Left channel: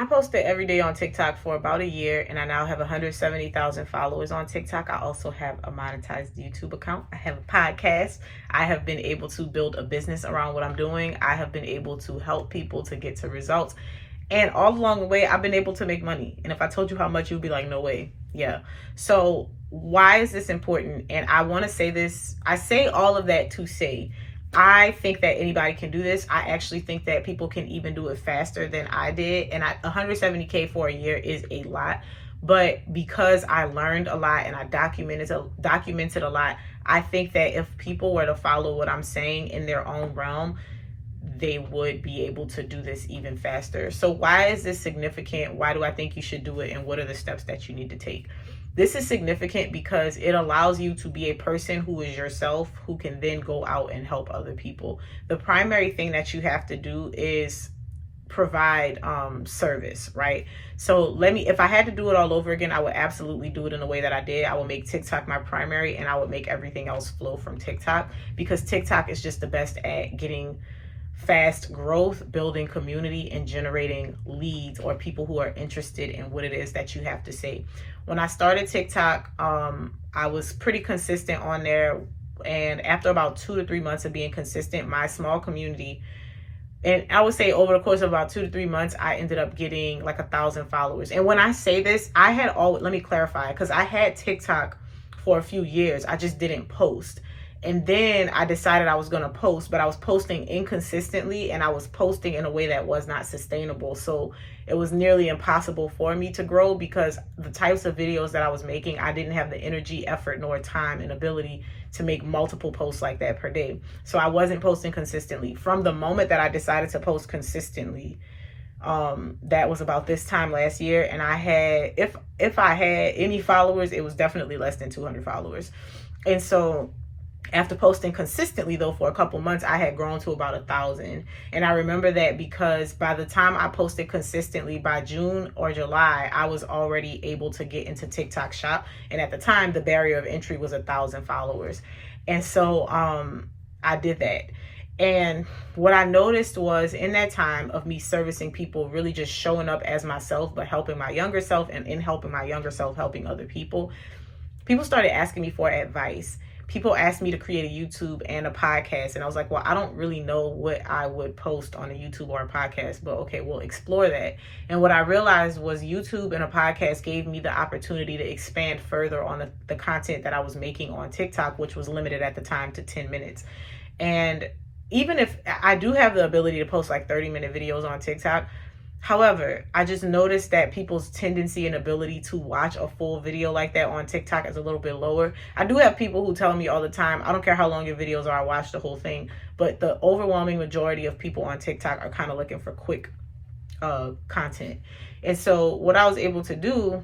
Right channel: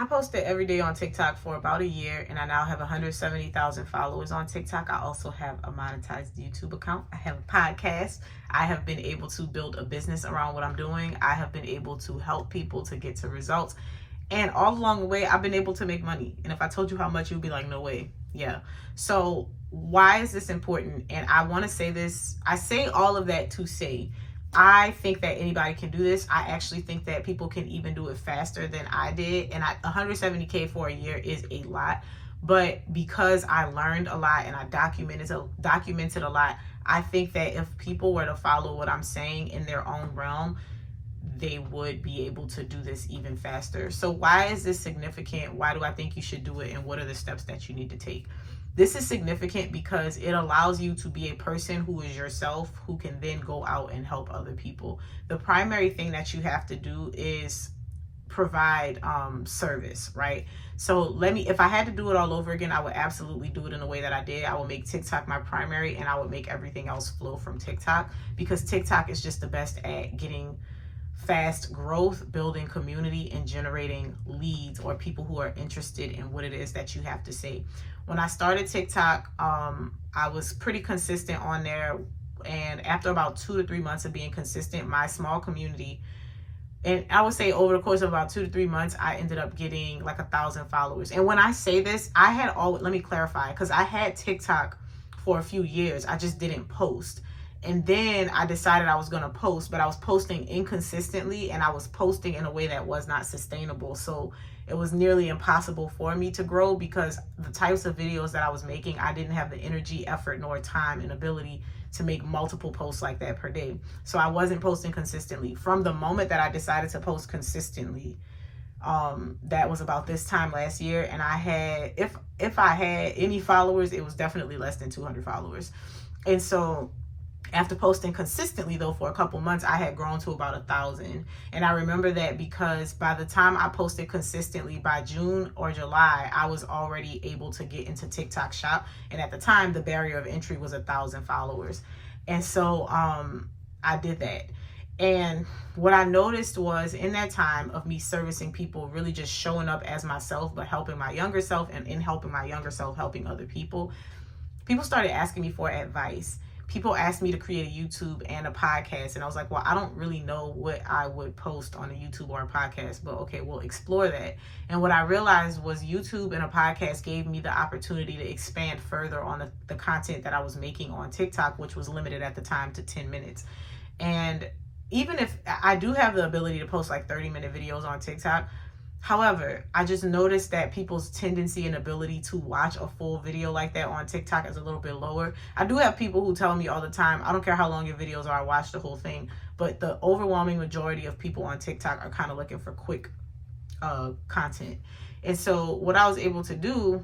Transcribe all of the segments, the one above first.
I posted every day on TikTok for about a year, and I now have 170,000 followers on TikTok. I also have a monetized YouTube account. I have a podcast. I have been able to build a business around what I'm doing. I have been able to help people to get to results. And all along the way, I've been able to make money. And if I told you how much, you'd be like, no way. Yeah. So why is this important? And I want to say this. I say all of that to say, I think that anybody can do this. I actually think that people can even do it faster than I did. And 170K for a year is a lot. But because I learned a lot and I documented a lot, I think that if people were to follow what I'm saying in their own realm, they would be able to do this even faster. So why is this significant? Why do I think you should do it? And what are the steps that you need to take? This is significant because it allows you to be a person who is yourself, who can then go out and help other people. The primary thing that you have to do is provide service, right? So if I had to do it all over again, I would absolutely do it in the way that I did. I would make TikTok my primary, and I would make everything else flow from TikTok, because TikTok is just the best at getting fast growth, building community, and generating leads or people who are interested in what it is that you have to say. When I started TikTok, I was pretty consistent on there. And after about 2 to 3 months of being consistent, my small community, and I would say over the course of about 2 to 3 months, I ended up getting like 1,000 followers. And when I say this, let me clarify, because I had TikTok for a few years. I just didn't post. And then I decided I was going to post, but I was posting inconsistently, and I was posting in a way that was not sustainable. So it was nearly impossible for me to grow, because the types of videos that I was making, I didn't have the energy, effort, nor time and ability to make multiple posts like that per day. So I wasn't posting consistently. From the moment that I decided to post consistently, that was about this time last year. And I had, if I had any followers, it was definitely less than 200 followers. And so after posting consistently, though, for a couple months, I had grown to about 1,000. And I remember that because by the time I posted consistently, by June or July, I was already able to get into TikTok Shop. And at the time, the barrier of entry was 1,000 followers. And so I did that. And what I noticed was, in that time of me servicing people, really just showing up as myself, but helping my younger self, and in helping my younger self, helping other people, people started asking me for advice. People asked me to create a YouTube and a podcast. And I was like, well, I don't really know what I would post on a YouTube or a podcast, but okay, we'll explore that. And what I realized was YouTube and a podcast gave me the opportunity to expand further on the content that I was making on TikTok, which was limited at the time to 10 minutes. And even if I do have the ability to post like 30-minute videos on TikTok, however, I just noticed that people's tendency and ability to watch a full video like that on TikTok is a little bit lower. I do have people who tell me all the time, I don't care how long your videos are, I watch the whole thing. But the overwhelming majority of people on TikTok are kind of looking for quick content. And so what I was able to do,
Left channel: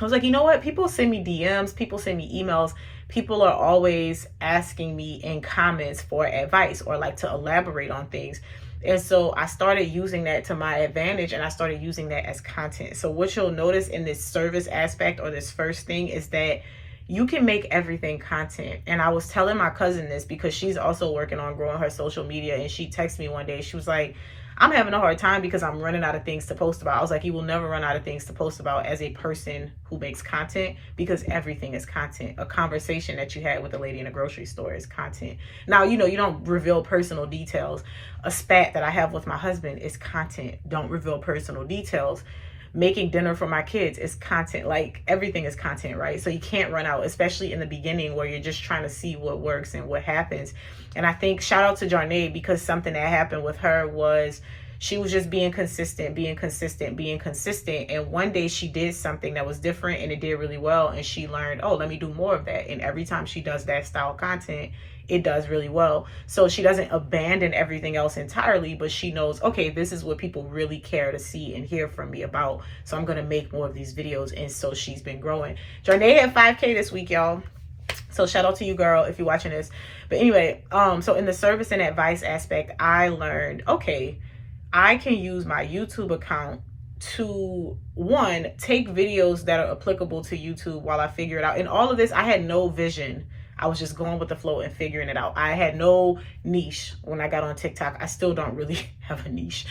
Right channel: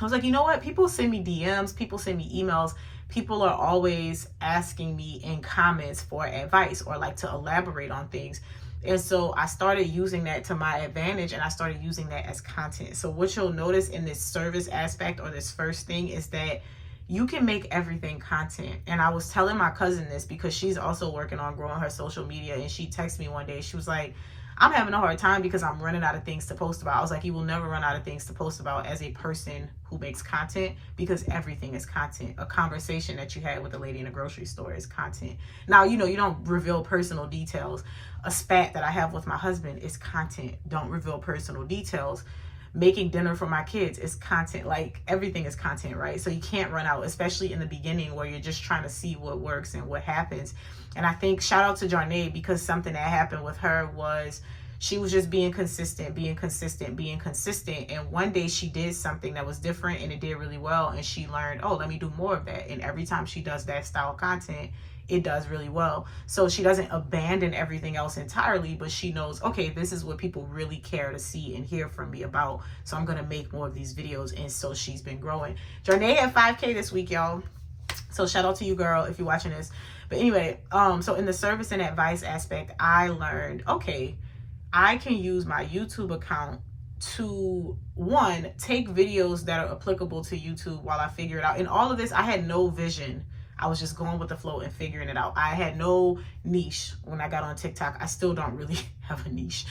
I was like, you know what? People send me DMs, people send me emails. People are always asking me in comments for advice or like to elaborate on things. And so I started using that to my advantage, and I started using that as content. So what you'll notice in this service aspect, or this first thing, is that you can make everything content. And I was telling my cousin this because she's also working on growing her social media. And she texted me one day. She was like, I'm having a hard time because I'm running out of things to post about. I was like, you will never run out of things to post about as a person who makes content, because everything is content. A conversation that you had with a lady in a grocery store is content. Now, you don't reveal personal details. A spat that I have with my husband is content. Don't reveal personal details. Making dinner for my kids is content. Like, everything is content, right? So you can't run out, especially in the beginning where you're just trying to see what works and what happens. And I think shout out to Jarnae, because something that happened with her was she was just being consistent. And one day she did something that was different, and it did really well. And she learned, oh, let me do more of that. And every time she does that style of content, it does really well. So she doesn't abandon everything else entirely, but she knows, okay, this is what people really care to see and hear from me about. So I'm going to make more of these videos. And so she's been growing. Jarnae had 5K this week, y'all. So shout out to you, girl, if you're watching this. But anyway, so in the service and advice aspect, I learned, okay, I can use my YouTube account to, one, take videos that are applicable to YouTube while I figure it out. In all of this, I had no vision. I was just going with the flow and figuring it out. I had no niche when I got on TikTok. I still don't really have a niche.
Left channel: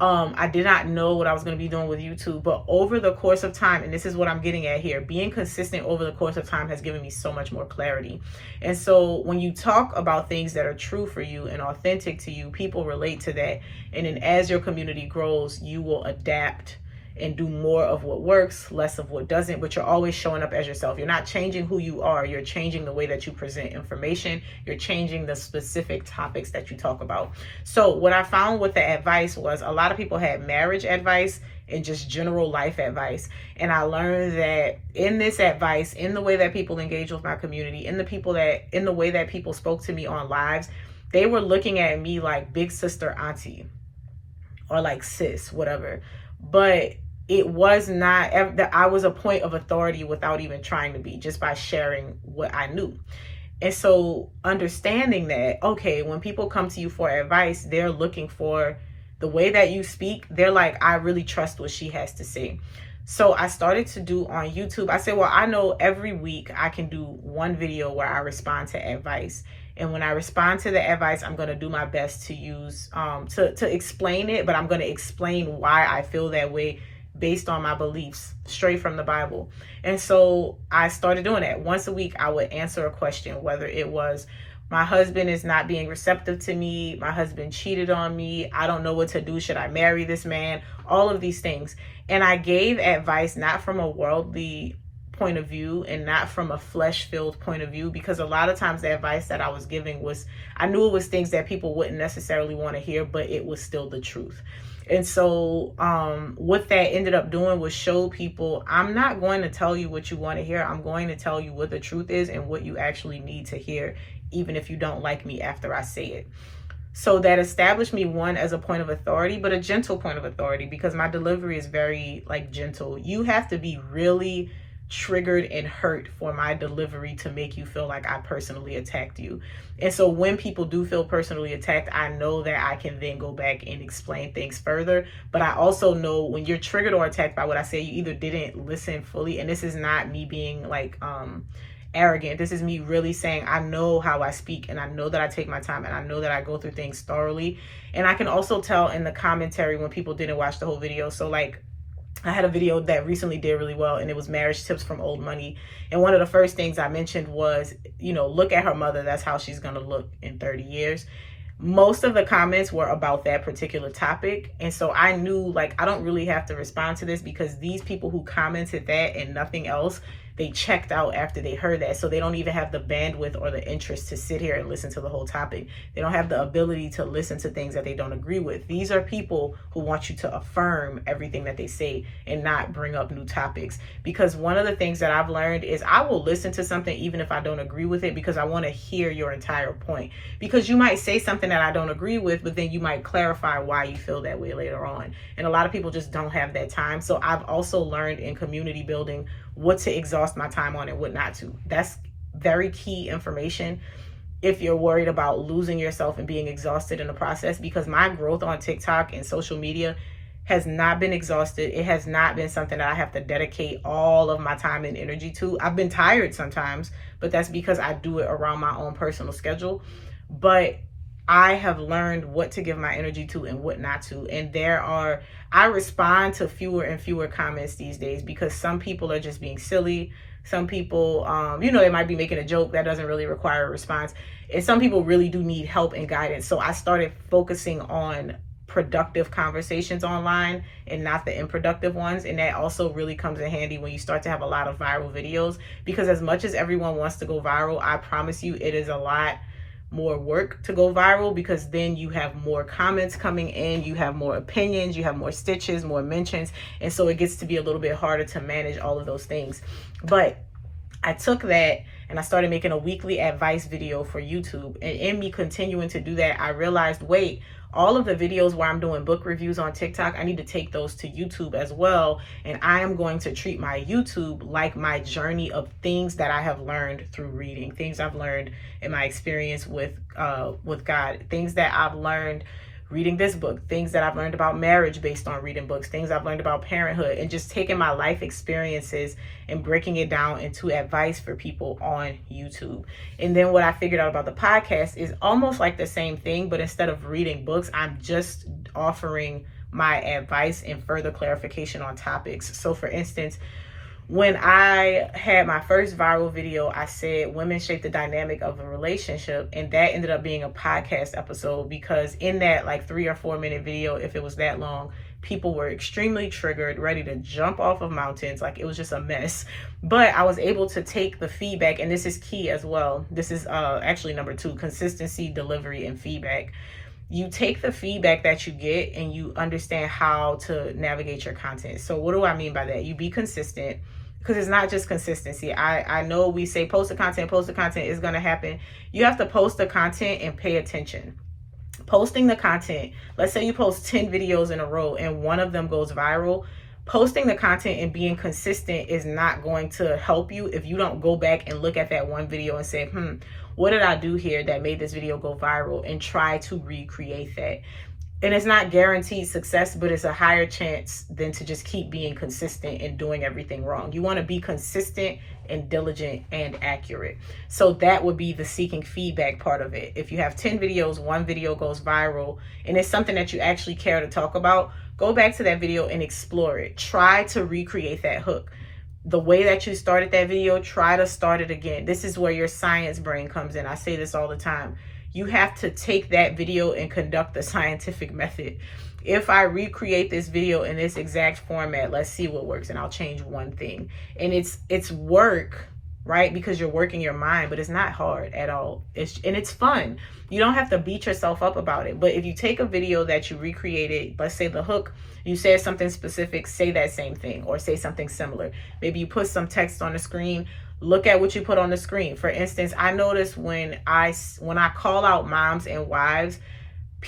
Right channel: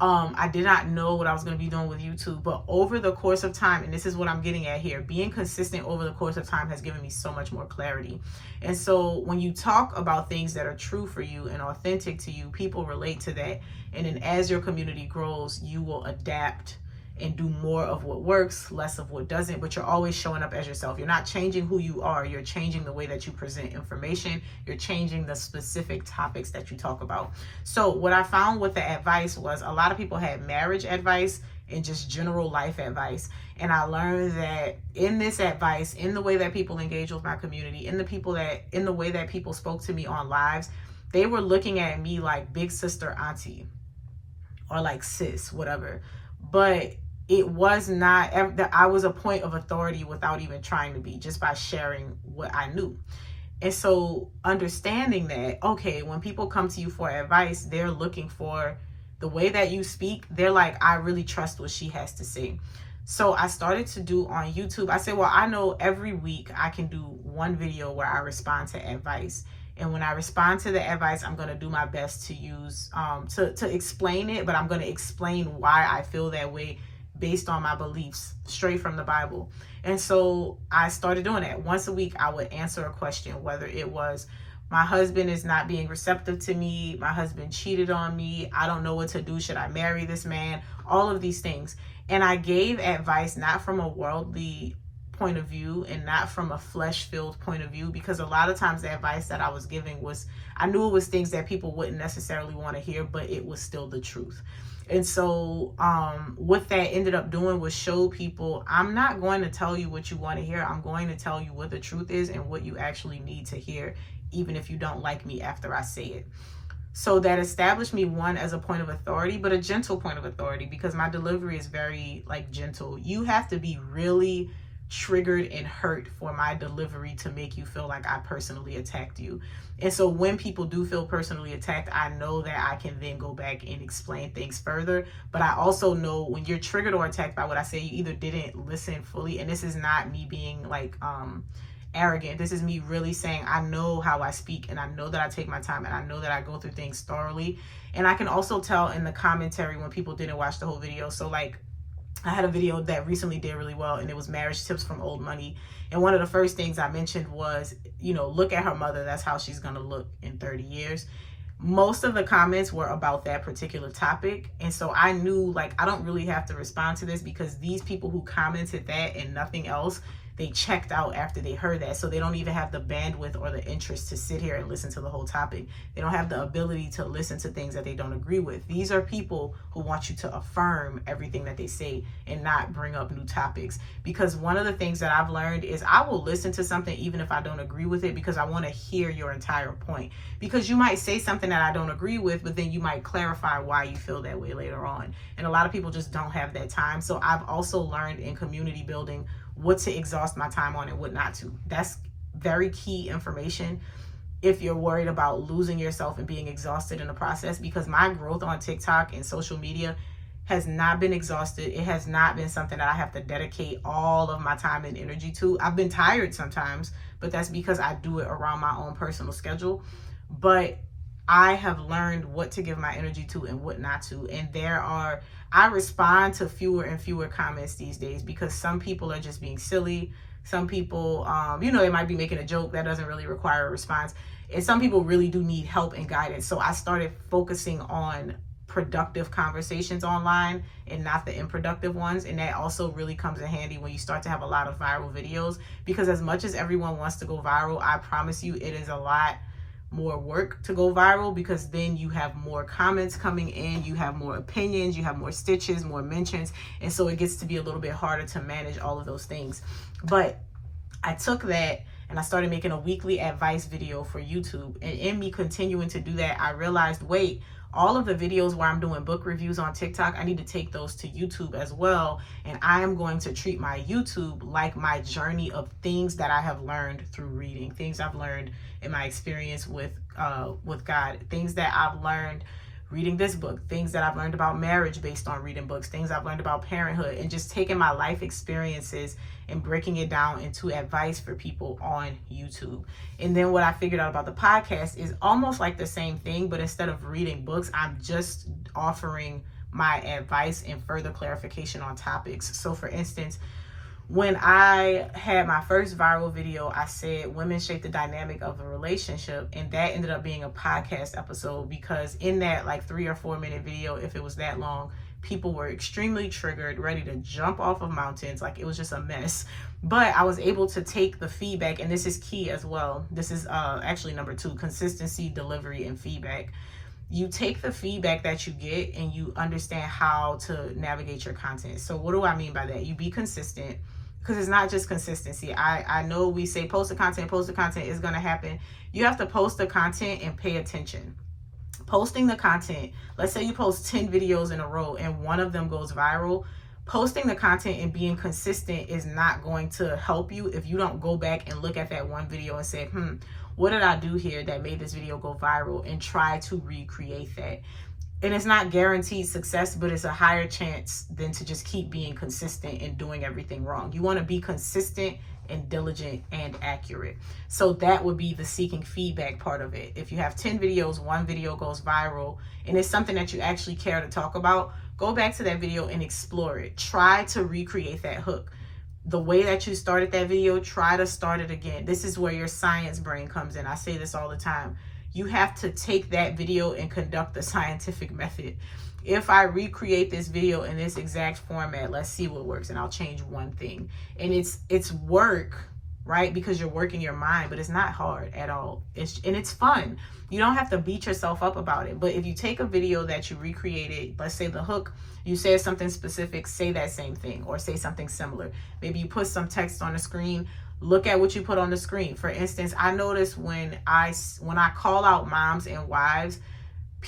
I did not know what I was going to be doing with YouTube, but over the course of time, and this is what I'm getting at here, being consistent over the course of time has given me so much more clarity. And so when you talk about things that are true for you and authentic to you, people relate to that. And then as your community grows, you will adapt and do more of what works, less of what doesn't, but you're always showing up as yourself. You're not changing who you are. You're changing the way that you present information. You're changing the specific topics that you talk about. So what I found with the advice was a lot of people had marriage advice and just general life advice. And I learned that in this advice, in the way that people engage with my community, in the way that people spoke to me on lives, they were looking at me like big sister, auntie, or like sis, whatever. But it was not that I was a point of authority without even trying to be, just by sharing what I knew. And so understanding that, okay, when people come to you for advice, they're looking for the way that you speak. They're like, I really trust what she has to say. So I started to do on YouTube. I said, well, I know every week I can do one video where I respond to advice. And when I respond to the advice, I'm going to do my best to use, to explain it, but I'm going to explain why I feel that way based on my beliefs, straight from the Bible. And so I started doing that. Once a week, I would answer a question, whether it was, my husband is not being receptive to me, my husband cheated on me, I don't know what to do, should I marry this man? All of these things. And I gave advice not from a worldly point of view and not from a flesh-filled point of view, because a lot of times the advice that I was giving was, I knew it was things that people wouldn't necessarily want to hear, but it was still the truth. And so what that ended up doing was show people, I'm not going to tell you what you want to hear. I'm going to tell you what the truth is and what you actually need to hear, even if you don't like me after I say it. So that established me, one, as a point of authority, but a gentle point of authority, because my delivery is very gentle. You have to be really triggered and hurt for my delivery to make you feel like I personally attacked you. And so when people do feel personally attacked, I know that I can then go back and explain things further. But I also know when you're triggered or attacked by what I say, you either didn't listen fully, and this is not me being arrogant. This is me really saying, I know how I speak, and I know that I take my time, and I know that I go through things thoroughly. And I can also tell in the commentary when people didn't watch the whole video. So I had a video that recently did really well, and it was marriage tips from old money. And one of the first things I mentioned was, look at her mother. That's how she's going to look in 30 years. Most of the comments were about that particular topic. And so I knew, I don't really have to respond to this, because these people who commented that and nothing else, they checked out after they heard that. So they don't even have the bandwidth or the interest to sit here and listen to the whole topic. They don't have the ability to listen to things that they don't agree with. These are people who want you to affirm everything that they say and not bring up new topics. Because one of the things that I've learned is I will listen to something even if I don't agree with it, because I want to hear your entire point. Because you might say something that I don't agree with, but then you might clarify why you feel that way later on. And a lot of people just don't have that time. So I've also learned in community building what to exhaust my time on and what not to. That's very key information if you're worried about losing yourself and being exhausted in the process, because my growth on TikTok and social media has not been exhausted. It has not been something that I have to dedicate all of my time and energy to. I've been tired sometimes, but that's because I do it around my own personal schedule. But I have learned what to give my energy to and what not to. And I respond to fewer and fewer comments these days, because some people are just being silly. Some people, they might be making a joke that doesn't really require a response. And some people really do need help and guidance. So I started focusing on productive conversations online and not the unproductive ones. And that also really comes in handy when you start to have a lot of viral videos, because as much as everyone wants to go viral, I promise you it is a lot more work to go viral, because then you have more comments coming in, you have more opinions, you have more stitches, more mentions, and so it gets to be a little bit harder to manage all of those things. But I took that and I started making a weekly advice video for YouTube, and in me continuing to do that, I realized, wait, all of the videos where I'm doing book reviews on TikTok, I need to take those to YouTube as well. And I am going to treat my YouTube like my journey of things that I have learned through reading, things I've learned in my experience with God, things that I've learned reading this book, things that I've learned about marriage based on reading books, things I've learned about parenthood, and just taking my life experiences and breaking it down into advice for people on YouTube. And then what I figured out about the podcast is almost like the same thing, but instead of reading books, I'm just offering my advice and further clarification on topics. So for instance, when I had my first viral video, I said women shape the dynamic of a relationship, and that ended up being a podcast episode, because in that like 3 or 4 minute video, if it was that long, people were extremely triggered, ready to jump off of mountains. Like, it was just a mess. But I was able to take the feedback, and this is key as well. This is actually number 2, consistency, delivery, and feedback. You take the feedback that you get and you understand how to navigate your content. So what do I mean by that? You be consistent, because it's not just consistency. I know we say post the content is going to happen. You have to post the content and pay attention. Posting the content, let's say you post 10 videos in a row and one of them goes viral. Posting the content and being consistent is not going to help you if you don't go back and look at that one video and say, what did I do here that made this video go viral, and try to recreate that. And it's not guaranteed success, but it's a higher chance than to just keep being consistent and doing everything wrong. You want to be consistent and diligent and accurate. So that would be the seeking feedback part of it. If you have 10 videos, one video goes viral, and it's something that you actually care to talk about, go back to that video and explore it. Try to recreate that hook. The way that you started that video, try to start it again. This is where your science brain comes in. I say this all the time. You have to take that video and conduct the scientific method. If I recreate this video in this exact format, let's see what works, and I'll change one thing. And it's work, right? Because you're working your mind, but it's not hard at all. It's fun. You don't have to beat yourself up about it. But if you take a video that you recreated, let's say the hook, you said something specific, say that same thing or say something similar. Maybe you put some text on the screen. Look at what you put on the screen. For instance, I noticed when I call out moms and wives,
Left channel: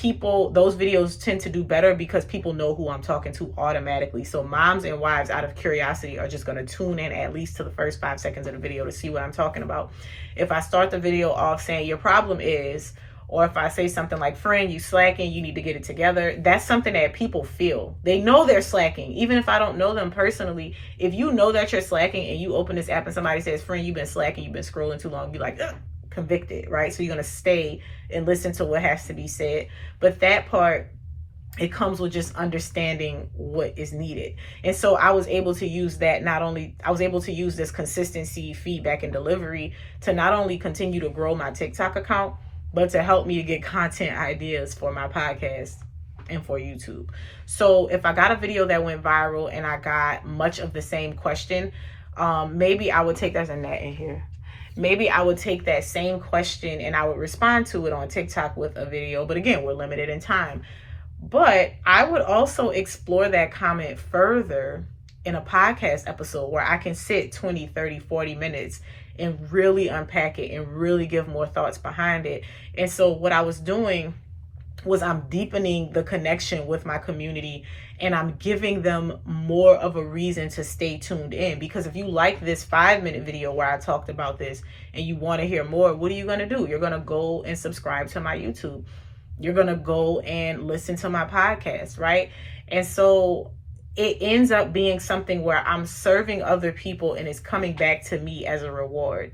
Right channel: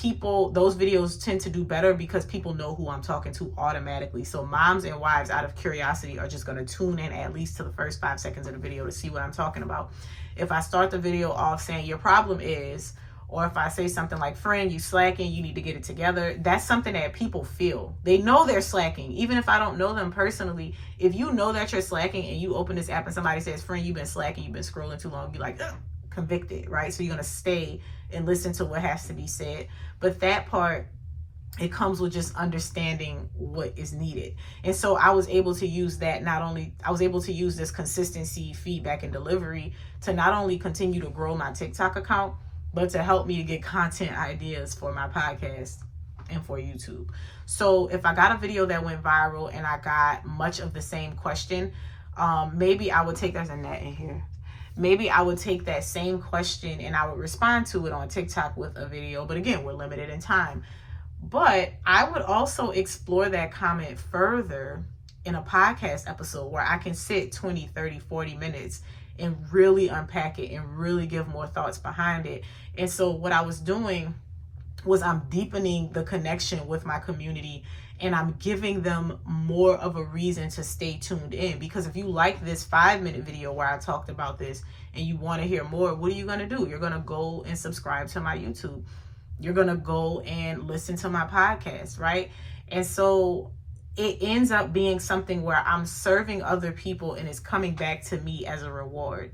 those videos tend to do better because people know who I'm talking to automatically. So moms and wives, out of curiosity, are just going to tune in at least to the first 5 seconds of the video to see what I'm talking about. If I start the video off saying your problem is, or if I say something like, friend, you slacking, you need to get it together, that's something that people feel. They know they're slacking. Even if I don't know them personally, if you know that you're slacking and you open this app and somebody says, friend, you've been slacking, you've been scrolling too long, be like, ugh, convicted, right? So you're going to stay and listen to what has to be said. But that part, it comes with just understanding what is needed. And so I was able to use that. I was able to use this consistency, feedback, and delivery to not only continue to grow my TikTok account, but to help me to get content ideas for my podcast and for YouTube. So if I got a video that went viral and I got much of the same question, maybe I would take, there's a gnat in here. Maybe I would take that same question and I would respond to it on TikTok with a video. But again, we're limited in time. But I would also explore that comment further in a podcast episode where I can sit 20, 30, 40 minutes and really unpack it and really give more thoughts behind it. And so what I was doing was I'm deepening the connection with my community, and I'm giving them more of a reason to stay tuned in. Because if you like this 5-minute video where I talked about this and you want to hear more, what are you going to do? You're going to go and subscribe to my YouTube. You're going to go and listen to my podcast, right? And so it ends up being something where I'm serving other people and it's coming back to me as a reward.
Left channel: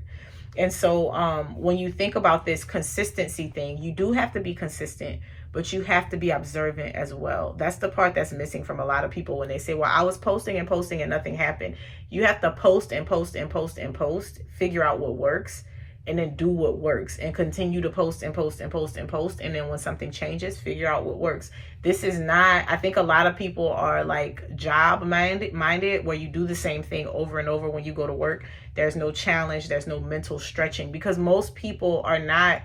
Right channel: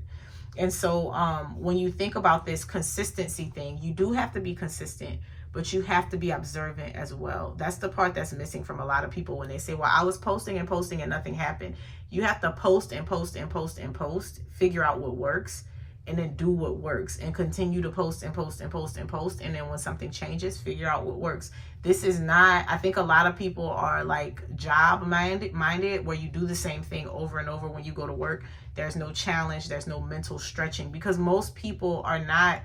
And so when you think about this consistency thing, you do have to be consistent, but you have to be observant as well. That's the part that's missing from a lot of people when they say, well, I was posting and posting and nothing happened. You have to post and post and post and post, figure out what works, and then do what works, and continue to post and post and post and post. And then when something changes, figure out what works. This is not, I think a lot of people are like job minded where you do the same thing over and over when you go to work. There's no challenge. There's no mental stretching, because most people are not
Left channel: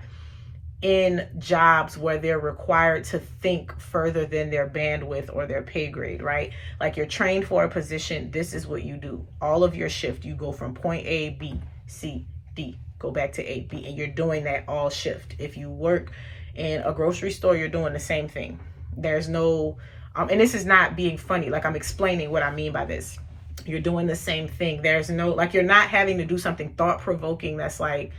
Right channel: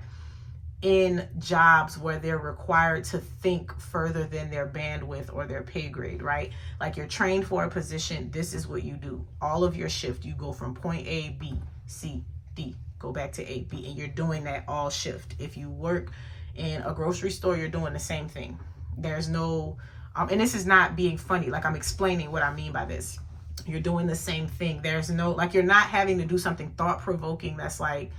in jobs where they're required to think further than their bandwidth or their pay grade, right? Like, you're trained for a position. This is what you do. All of your shift, you go from point A, B, C, D, go back to A, B, and you're doing that all shift. If you work in a grocery store, you're doing the same thing. There's no, and this is not being funny, like I'm explaining what I mean by this. You're doing the same thing. There's no, like, you're not having to do something thought-provoking that's like,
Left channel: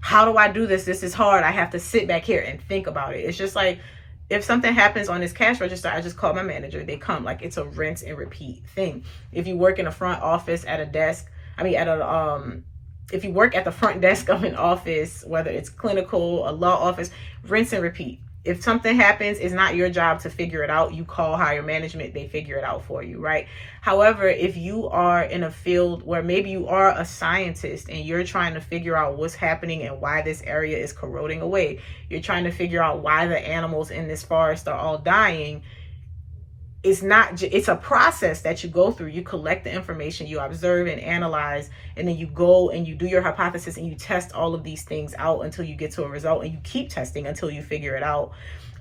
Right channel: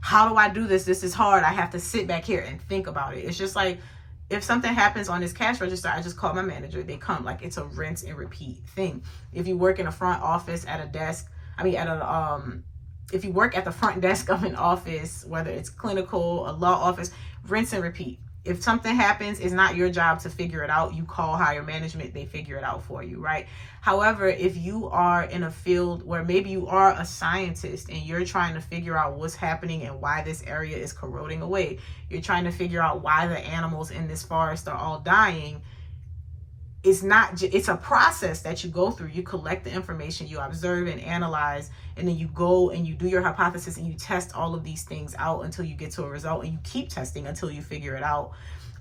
how do I do this? This is hard. I have to sit back here and think about it. It's just like, if something happens on this cash register, I just call my manager. They come. Like, it's a rinse and repeat thing. If you work in a front office at a desk, if you work at the front desk of an office, whether it's clinical, a law office, rinse and repeat. if something happens, it's not your job to figure it out. You call higher management, they figure it out for you, right? However, if you are in a field where maybe you are a scientist and you're trying to figure out what's happening and why this area is corroding away, you're trying to figure out why the animals in this forest are all dying, it's a process that you go through. You collect the information, you observe and analyze, and then you go and you do your hypothesis and you test all of these things out until you get to a result, and you keep testing until you figure it out.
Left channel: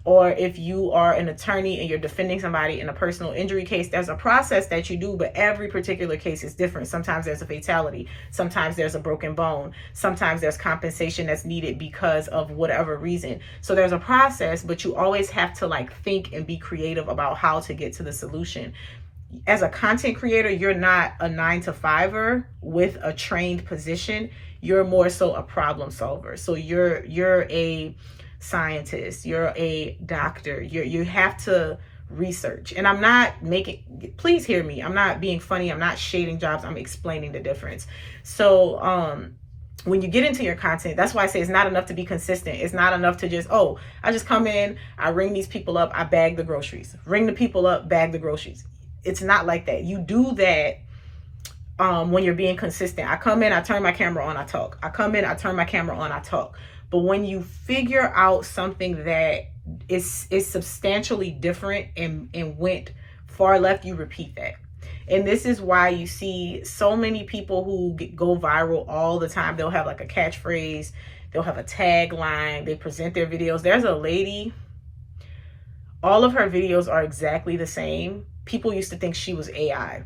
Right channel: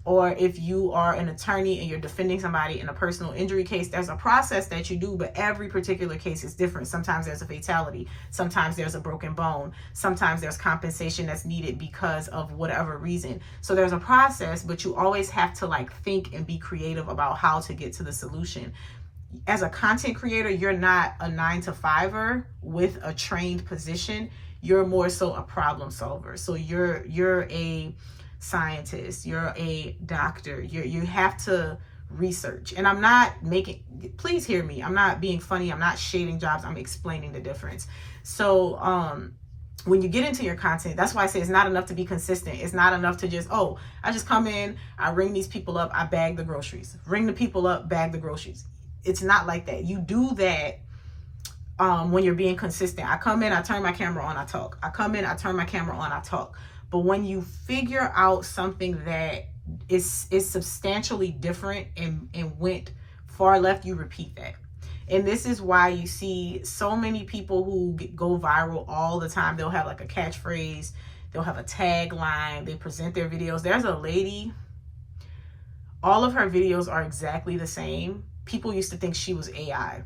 Or if you are an attorney and you're defending somebody in a personal injury case, there's a process that you do, but every particular case is different. Sometimes there's a fatality. Sometimes there's a broken bone. Sometimes there's compensation that's needed because of whatever reason. So there's a process, but you always have to like think and be creative about how to get to the solution. As a content creator, you're not a 9-to-5er with a trained position. You're more so a problem solver. So you're a scientist, you're a doctor, you have to research. And I'm not please hear me, I'm not being funny, I'm not shading jobs, I'm explaining the difference. So when you get into your content, that's why I say it's not enough to be consistent. It's not enough to just, oh, I just come in, I ring these people up, I bag the groceries, ring the people up, bag the groceries. It's not like that. You do that when you're being consistent. I come in, I turn my camera on, I talk. I come in, I turn my camera on, I talk. But when you figure out something that is substantially different and went far left, you repeat that. And this is why you see so many people who go viral all the time. They'll have like a catchphrase, they'll have a tagline, they present their videos. There's a lady, all of her videos are exactly the same. People used to think she was AI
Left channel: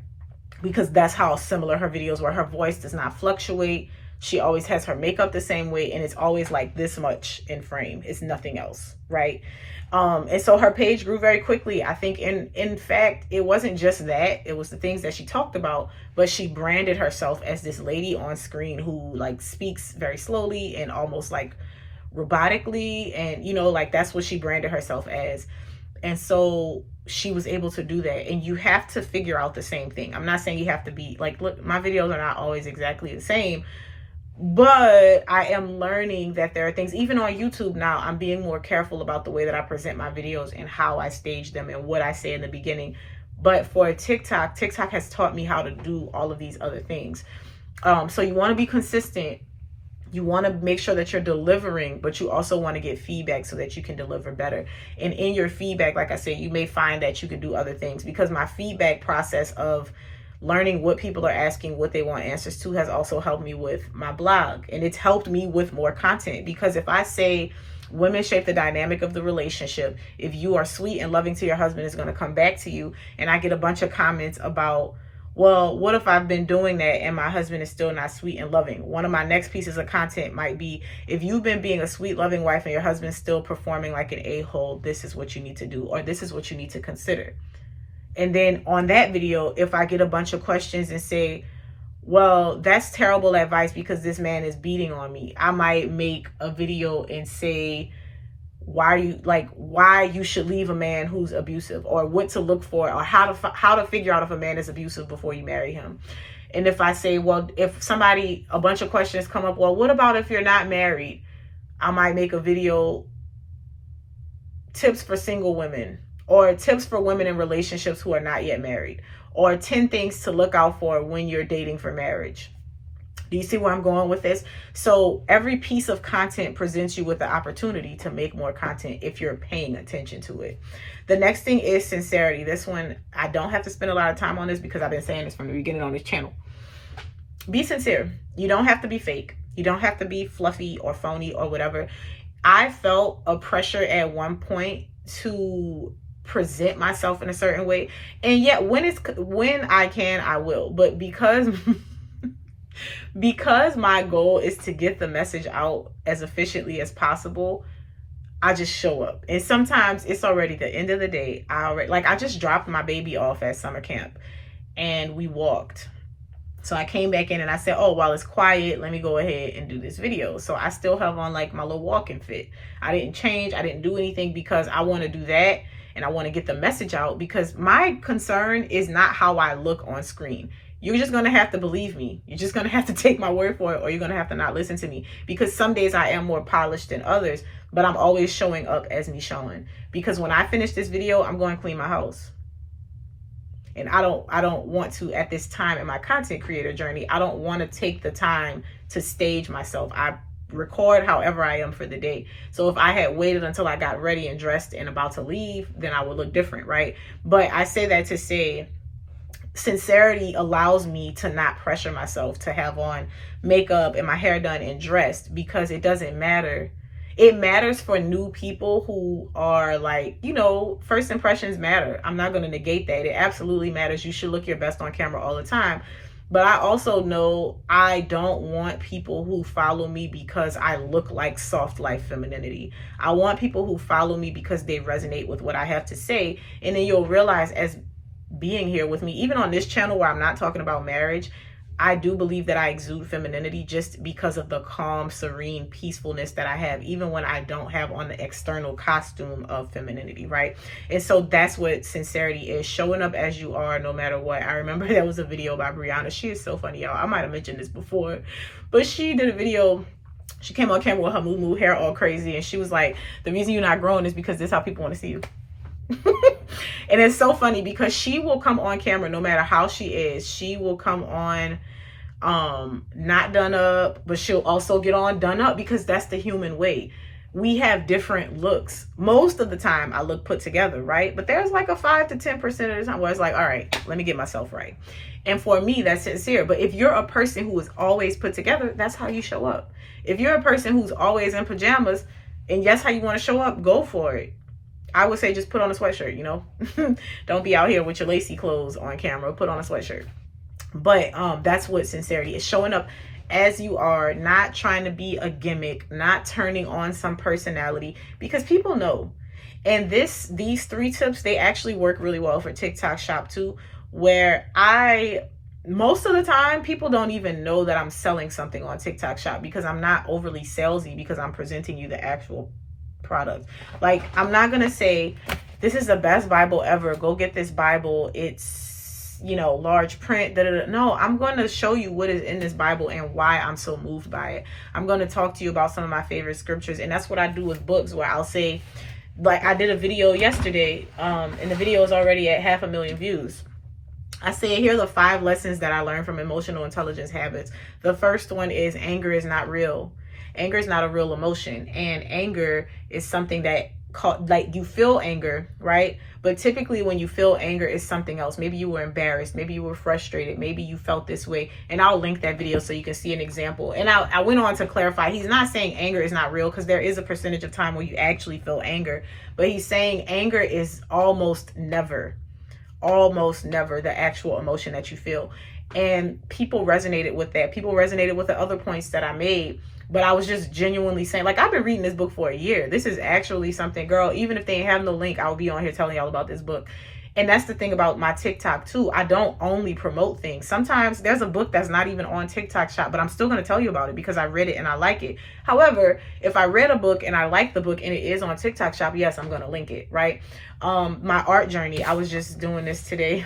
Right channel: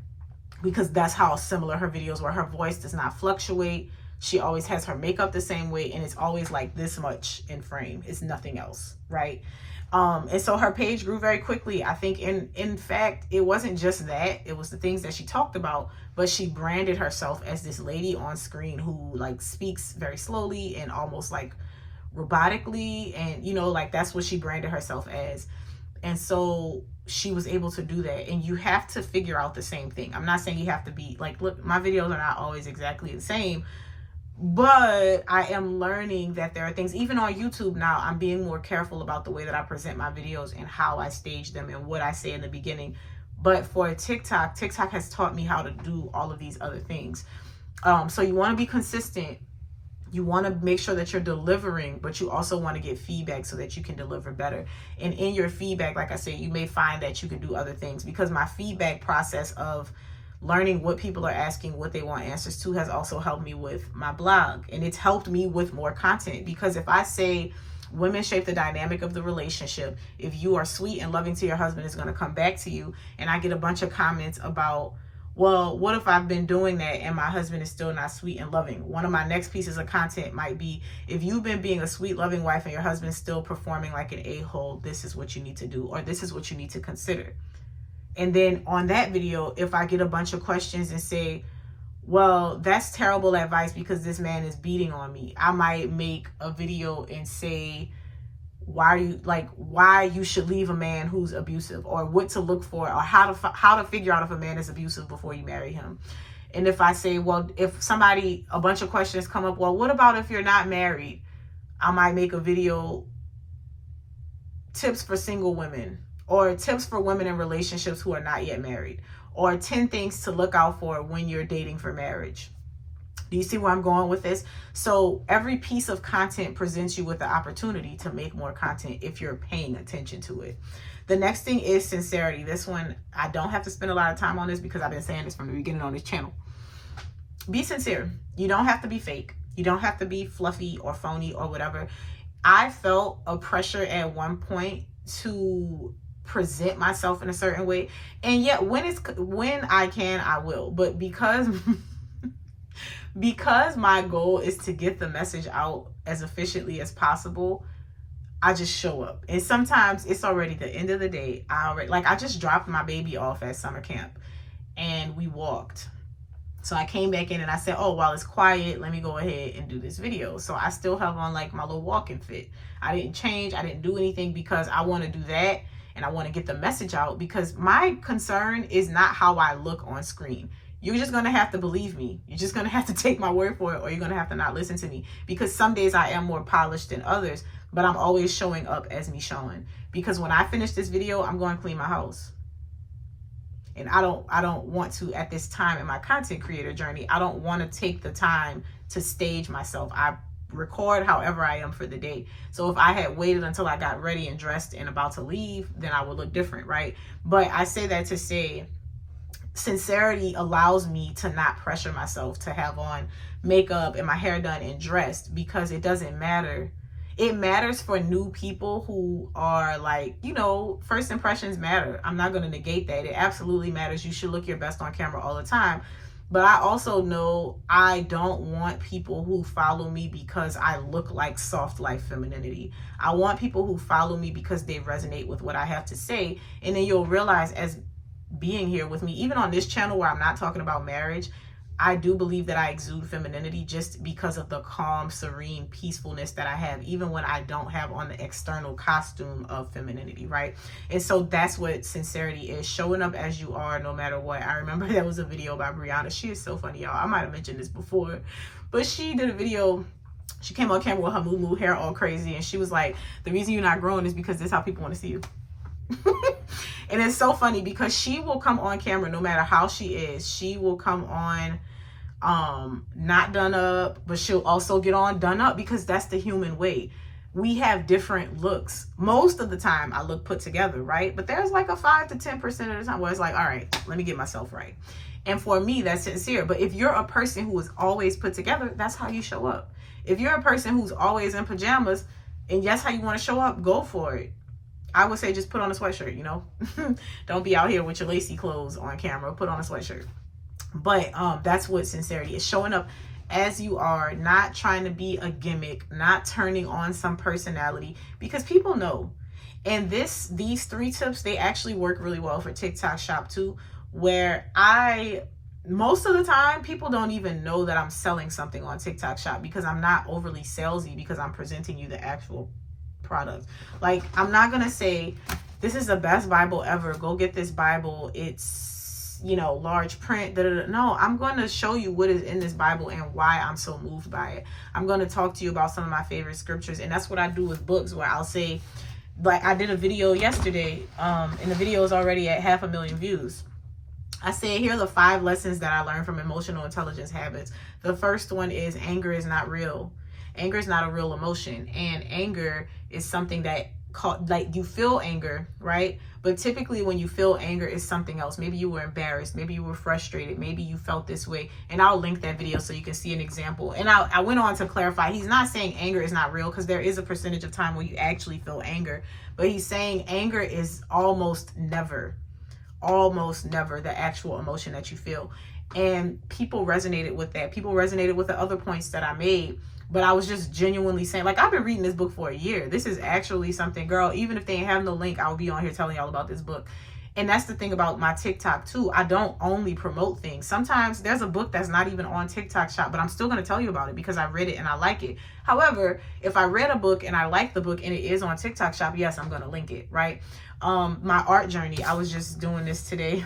because that's how similar her videos were. Her voice does not fluctuate. She always has her makeup the same way, and it's always like this much in frame. It's nothing else, right? And so her page grew very quickly. I think in fact, it wasn't just that, it was the things that she talked about, but she branded herself as this lady on screen who like speaks very slowly and almost like robotically. And you know, like that's what she branded herself as. And so she was able to do that. And you have to figure out the same thing. I'm not saying you have to be like, look, my videos are not always exactly the same, but I am learning that there are things, even on YouTube now, I'm being more careful about the way that I present my videos and how I stage them and what I say in the beginning. But for TikTok has taught me how to do all of these other things. So you want to be consistent. You want to make sure that you're delivering, but you also want to get feedback so that you can deliver better. And in your feedback, like I said, you may find that you can do other things, because my feedback process of learning what people are asking, what they want answers to, has also helped me with my blog. And it's helped me with more content, because if I say women shape the dynamic of the relationship, if you are sweet and loving to your husband, is going to come back to you, and I get a bunch of comments about, well, what if I've been doing that and my husband is still not sweet and loving? One of my next pieces of content might be, if you've been being a sweet, loving wife and your husband's still performing like an a-hole, this is what you need to do, or this is what you need to consider. And then on that video, if I get a bunch of questions and say, well, that's terrible advice because this man is beating on me, I might make a video and say, why you should leave a man who's abusive, or what to look for, or how to figure out if a man is abusive before you marry him. And if I say, well, if a bunch of questions come up, well, what about if you're not married? I might make a video, tips for single women, or tips for women in relationships who are not yet married, or 10 things to look out for when you're dating for marriage. Do you see where I'm going with this? So every piece of content presents you with the opportunity to make more content if you're paying attention to it. The next thing is sincerity. This one, I don't have to spend a lot of time on this because I've been saying this from the beginning on this channel. Be sincere. You don't have to be fake. You don't have to be fluffy or phony or whatever. I felt a pressure at one point to present myself in a certain way. And yet when I can, I will. But because my goal is to get the message out as efficiently as possible, I just show up. And sometimes it's already the end of the day. I just dropped my baby off at summer camp and we walked. So I came back in and I said, oh, while it's quiet, let me go ahead and do this video. So I still have on like my little walking fit. I didn't change. I didn't do anything because I want to do that. And I want to get the message out, because my concern is not how I look on screen. you're just going to have to believe me. You're just going to have to take my word for it, or you're going to have to not listen to me, because some days I am more polished than others, but I'm always showing up as me showing. Because when I finish this video, I'm going to clean my house. And I don't want to, at this time in my content creator journey, I don't want to take the time to stage myself. I record however I am for the day. So if I had waited until I got ready and dressed and about to leave, then I would look different, right? But I say that to say, sincerity allows me to not pressure myself to have on makeup and my hair done and dressed, because it doesn't matter. It matters for new people who are like, you know, first impressions matter. I'm not going to negate that. It absolutely matters. You should look your best on camera all the time. But I also know I don't want people who follow me because I look like soft life femininity. I want people who follow me because they resonate with what I have to say. And then you'll realize, as being here with me, even on this channel where I'm not talking about marriage, I do believe that I exude femininity just because of the calm, serene peacefulness that I have, even when I don't have on the external costume of femininity, right? And so that's what sincerity is, showing up as you are no matter what. I remember there was a video by Brianna. She is so funny, y'all. I might have mentioned this before, but she did a video. She came on camera with her moo hair all crazy, and she was like, the reason you're not growing is because this is how people want to see you. And it's so funny because she will come on camera no matter how she is. She will come on not done up, but she'll also get on done up, because that's the human way. We have different looks. Most of the time I look put together, right? But there's like a 5 to 10% of the time where it's like, all right, let me get myself right. And for me, that's sincere. But if you're a person who is always put together, that's how you show up. If you're a person who's always in pajamas and that's how you want to show up, go for it. I would say just put on a sweatshirt, you know. Don't be out here with your lacy clothes on camera. Put on a sweatshirt. But that's what sincerity is, showing up as you are, not trying to be a gimmick, not turning on some personality, because people know. And these 3 tips, they actually work really well for TikTok Shop too, where most of the time people don't even know that I'm selling something on TikTok Shop, because I'm not overly salesy, because I'm presenting you the actual product. Like, I'm not gonna say this is the best Bible ever, go get this Bible, it's, you know, large print, no, I'm going to show you what is in this Bible and why I'm so moved by it. I'm going to talk to you about some of my favorite scriptures, and that's what I do with books, where I'll say, like I did a video yesterday, and the video is already at 500,000 views. I say, here are the 5 lessons that I learned from emotional intelligence habits. The first one is anger is not real. Anger is not a real emotion, and anger is something that like you feel anger, right? But typically when you feel anger, is something else. Maybe you were embarrassed, maybe you were frustrated, maybe you felt this way. And I'll link that video so you can see an example. And I went on to clarify, he's not saying anger is not real, because there is a percentage of time where you actually feel anger, but he's saying anger is almost never the actual emotion that you feel. And people resonated with that. People resonated with the other points that I made. But I was just genuinely saying, like, I've been reading this book for a year. This is actually something, girl, even if they have no link, I'll be on here telling y'all about this book. And that's the thing about my TikTok too. I don't only promote things. Sometimes there's a book that's not even on TikTok Shop, but I'm still going to tell you about it because I read it and I like it. However, if I read a book and I like the book and it is on TikTok Shop, yes, I'm going to link it, right? My art journey, I was just doing this today.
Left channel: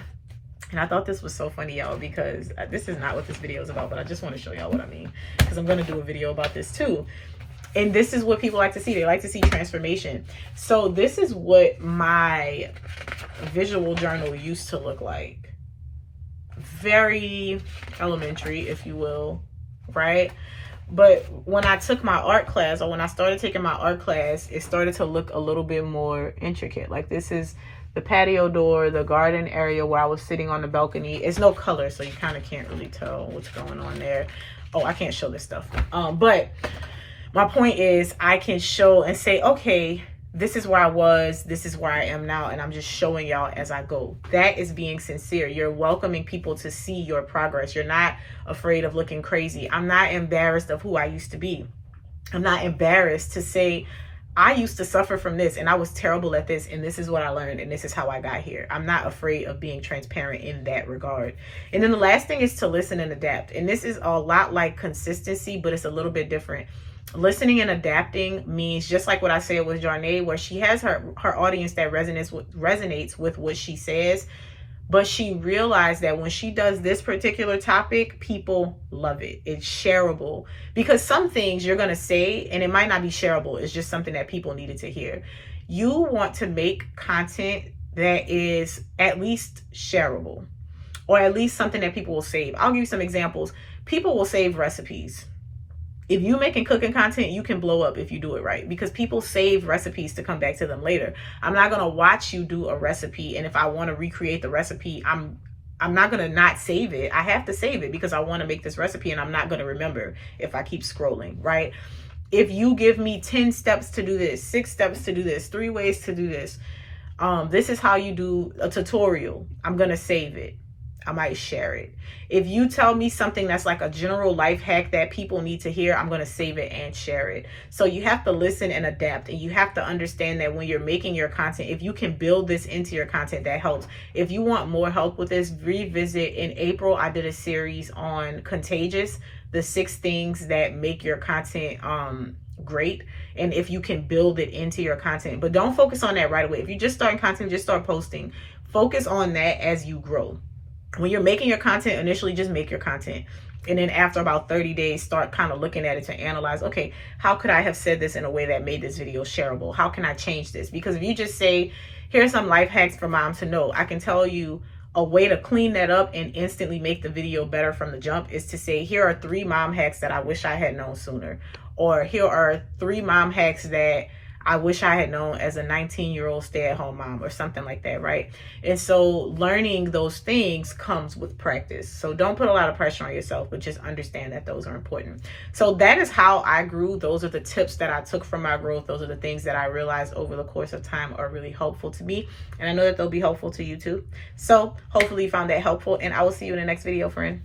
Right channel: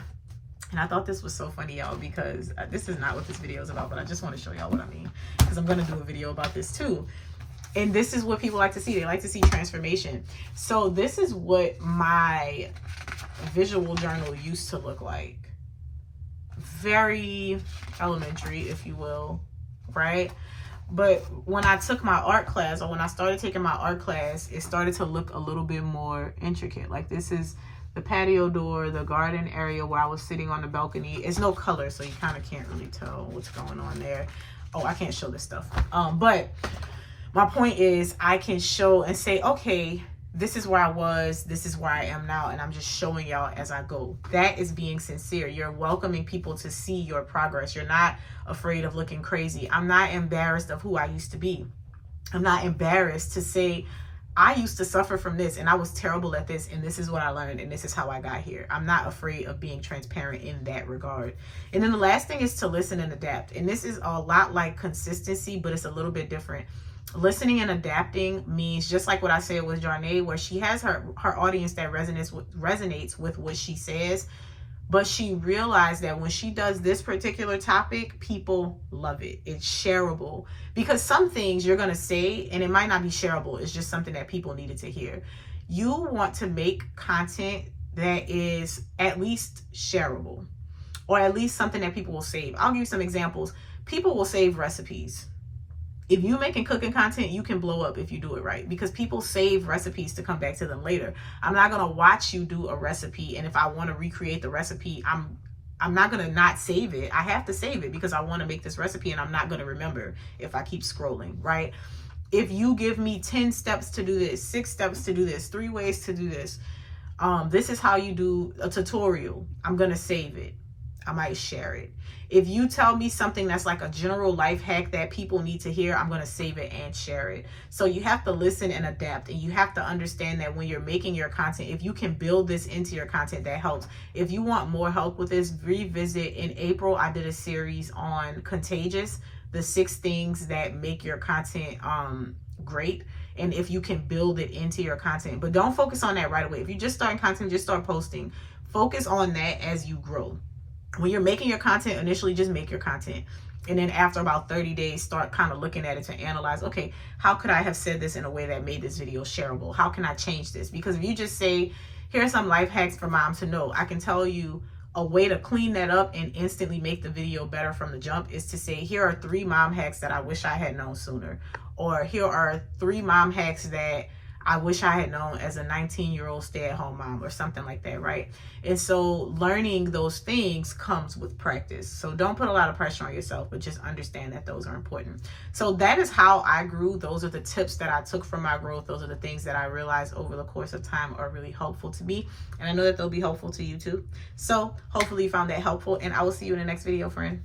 And I thought this was so funny, y'all, because this is not what this video is about, but I just want to show y'all what I mean, because I'm going to do a video about this too. And this is what people like to see. They like to see transformation. So this is what my visual journal used to look like. Very elementary, if you will, right? But when I took my art class, or when I started taking my art class, it started to look a little bit more intricate. Like, this is the patio door, the garden area where I was sitting on the balcony. It's no color, so you kind of can't really tell what's going on there. Oh, I can't show this stuff. But my point is, I can show and say, okay, this is where I was, this is where I am now, and I'm just showing y'all as I go. That is being sincere. You're welcoming people to see your progress. You're not afraid of looking crazy. I'm not embarrassed of who I used to be. I'm not embarrassed to say, I used to suffer from this and I was terrible at this, and this is what I learned, and this is how I got here. I'm not afraid of being transparent in that regard. And then the last thing is to listen and adapt. And this is a lot like consistency, but it's a little bit different. Listening and adapting means, just like what I said with Jarnae, where she has her audience that resonates with what she says, But she realized that when she does this particular topic, people love it. It's shareable. Because some things you're going to say, and it might not be shareable. It's just something that people needed to hear. You want to make content that is at least shareable, or at least something that people will save. I'll give you some examples. People will save recipes. If you're making cooking content, you can blow up if you do it right, because people save recipes to come back to them later. I'm not going to watch you do a recipe, and if I want to recreate the recipe, I'm not going to not save it. I have to save it because I want to make this recipe, and I'm not going to remember if I keep scrolling, right? If you give me 10 steps to do this, 6 steps to do this, 3 ways to do this, this is how you do a tutorial, I'm going to save it. I might share it. If you tell me something that's like a general life hack that people need to hear, I'm going to save it and share it. So you have to listen and adapt, and you have to understand that when you're making your content, if you can build this into your content, that helps. If you want more help with this, revisit. In April, I did a series on Contagious, the 6 things that make your content great, and if you can build it into your content. But don't focus on that right away. If you're just starting content, just start posting. Focus on that as you grow. When you're making your content, initially just make your content, and then after about 30 days, start kind of looking at it to analyze, okay, how could I have said this in a way that made this video shareable? How can I change this? Because if you just say, here's some life hacks for mom to know, I can tell you a way to clean that up and instantly make the video better from the jump is to say, here are 3 mom hacks that I wish I had known sooner, or here are 3 mom hacks that I wish I had known as a 19-year-old stay-at-home mom, or something like that, right? And so learning those things comes with practice. So don't put a lot of pressure on yourself, but just understand that those are important. So that is how I grew. Those are the tips that I took from my growth. Those are the things that I realized over the course of time are really helpful to me. And I know that they'll be helpful to you too. So hopefully you found that helpful, and I will see you in the next video, friend.